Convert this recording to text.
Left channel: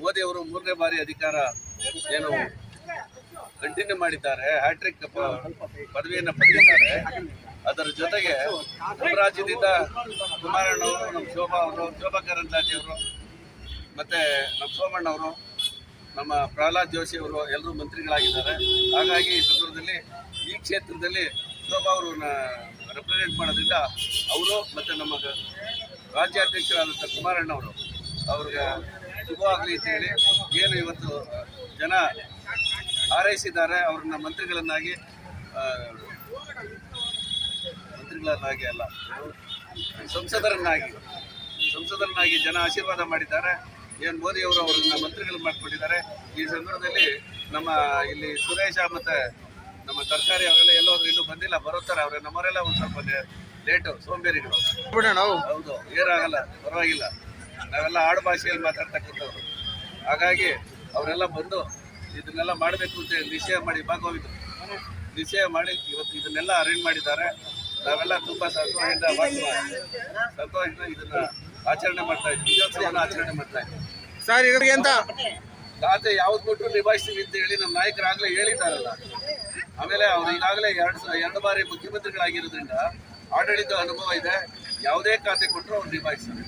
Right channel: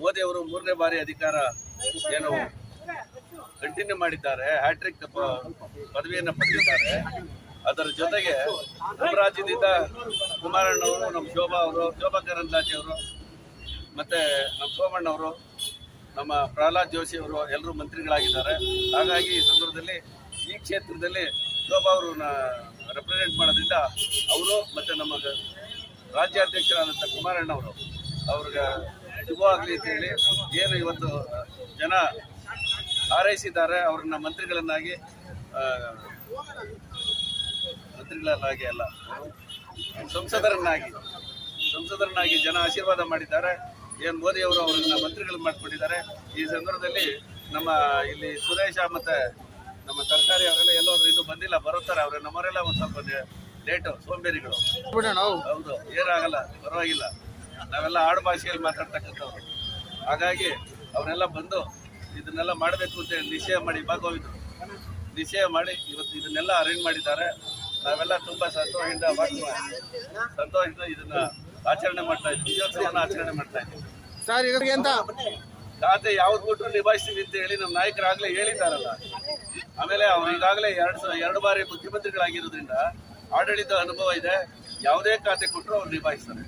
ಮೋದಿ ಅವರು ಮೂರನೇ ಬಾರಿ ಅಧಿಕಾರ ಏನು ಕಂಟಿನ್ಯೂ ಮಾಡಿದ್ದಾರೆ ಹ್ಯಾಟ್ರಿಕ್ ಪದವಿಯನ್ನು ಪಡೆದಿದ್ದಾರೆ. ಅದರ ಜೊತೆಗೆ ನಮ್ಮ ರಾಜ್ಯದಿಂದ ಕುಮಾರಣ್ಣವರು ನಮ್ಮ ಶೋಭಾ ಅವರು, ಶೋಭಾ ಕರಂದ್ಲಾಜೆ ಅವರು, ಮತ್ತೆ ನಮ್ಮ ಸೋಮಣ್ಣ ಅವರು, ನಮ್ಮ ಪ್ರಹ್ಲಾದ್ ಜೋಶಿ ಅವರು ಎಲ್ಲರೂ ಮಂತ್ರಿಗಳಾಗಿದ್ದಾರೆ. ಹಾಗಾಗಿ ಈ ಸಂದರ್ಭದಲ್ಲಿ ಈ ಕ್ಷೇತ್ರದಲ್ಲಿ ಶೋಭಾ ಅವರು ರೆಪ್ರೆಸೆಂಟ್ ಮಾಡೋದ್ರಿಂದ ಅವರು ಮತ್ತು ನಮ್ಮ ರಾಜ್ಯಾಧ್ಯಕ್ಷರಾದಂಥ ಕುಮಾರಣ್ಣ ಅವರು ಅವ್ರಿಗೆ ಶುಭವಾಗಲಿ ಅಂತ ಹೇಳಿ ಏನು ಇವತ್ತು ಜನ ಹಾರೈಸಿದ್ದಾರೆ. ಅವ್ರನ್ನ ಮಂತ್ರಿಗಳನ್ನಾಗಿ ಮಂತ್ರಿಗಳನ್ನಾಗಿ ಅಲ್ಲ ಸಂಸದರನ್ನಾಗಿ ಸಂಸದರನ್ನಾಗಿ ಜನ ಆಶೀರ್ವಾದ ಮಾಡಿದ್ದಾರೆ. ಏನು ಮೋದಿ ಅವರು ಮಂತ್ರಿಗಳನ್ನ ಮಂತ್ರಿಗಳು ಮಾಡ್ಕೊಂಡಿದ್ದಾರೆ. ಈ ಸಂದರ್ಭದಲ್ಲಿ ನಮ್ಮ ಇಲ್ಲಿ ಸುರೇಶ ಮತ್ತೆ ನಮ್ಮ ತರಕಾರಿ ಅವರೆಲ್ಲ ಎಲ್ಲೋದ್ರು ಇನ್ನೂ ಬಂದಿಲ್ಲ ಬರುತ್ತಾರೆ ಅವ್ರೆ. ನಮ್ಮವರೆಲ್ಲ ಒಂದು ಸ್ವಲ್ಪ ಲೇಟು ಸೋಂಬೇರಿಗಳು. ಹೌದು ಏನಾಗಲ್ಲ ಪರವಾಗಿಲ್ಲ. ನಾವೆಲ್ಲ ಆಡು ಭಾಷೆಯಲ್ಲಿ ಮಾತಾಡ್ತಕ್ಕಂಥವ್ರು. ಹಾಗಾಗಿ ಅವರೆಲ್ಲ ಬಂದು ಇದನ್ನೆಲ್ಲ ಮಾಡಬೇಕು ಅಂತ ನಿಶ್ಚಯ ಮಾಡಿ ಹೋಗಿದ್ರು ನಿಶ್ಚಯ ಮಾಡಿ ಇವತ್ತು ಇದನ್ನೆಲ್ಲ ಅರೇಂಜ್ ಮಾಡಿದ್ದಾರೆ. ನಾವೆಲ್ಲ ತುಂಬ ಸಂತೋಷದಿಂದ ಸಂತೋಷದಿಂದ ಇದನ್ನ ಆಚರಣೆ ಮಾಡ್ತಾ ಇದ್ವಿ. ವಿಜಯೋತ್ಸವನ ಆಚರಣೆ ಮಾಡ್ತಾ ಇದ್ವಿ. ಸರ್ ಅಂತ ಖಾತೆ ಯಾವ್ದು ಕೊಟ್ಟರು ನಿಭಾಯಿಸ್ತೀವಿ ಅಂತ ಹೇಳಿ ನಮ್ಮ ನಾಯಕರಾಗಲೇ ಹೇಳಿದ್ದಾರಲ್ಲ. ಆಮೇಲೆ ಅವ್ರು ಈಗಾಗಲೇ ಎರಡು ಸ ಎರಡು ಬಾರಿ ಮುಖ್ಯಮಂತ್ರಿಗಳಾಗಿರೋದ್ರಿಂದ ಆಡಳಿತ ಅನುಭವ ಇದೆ. ಯಾವುದೇ ಖಾತೆ ಕೊಟ್ಟರು ಅವ್ರು ನಿಭಾಯಿಸ್ತಾರೆ.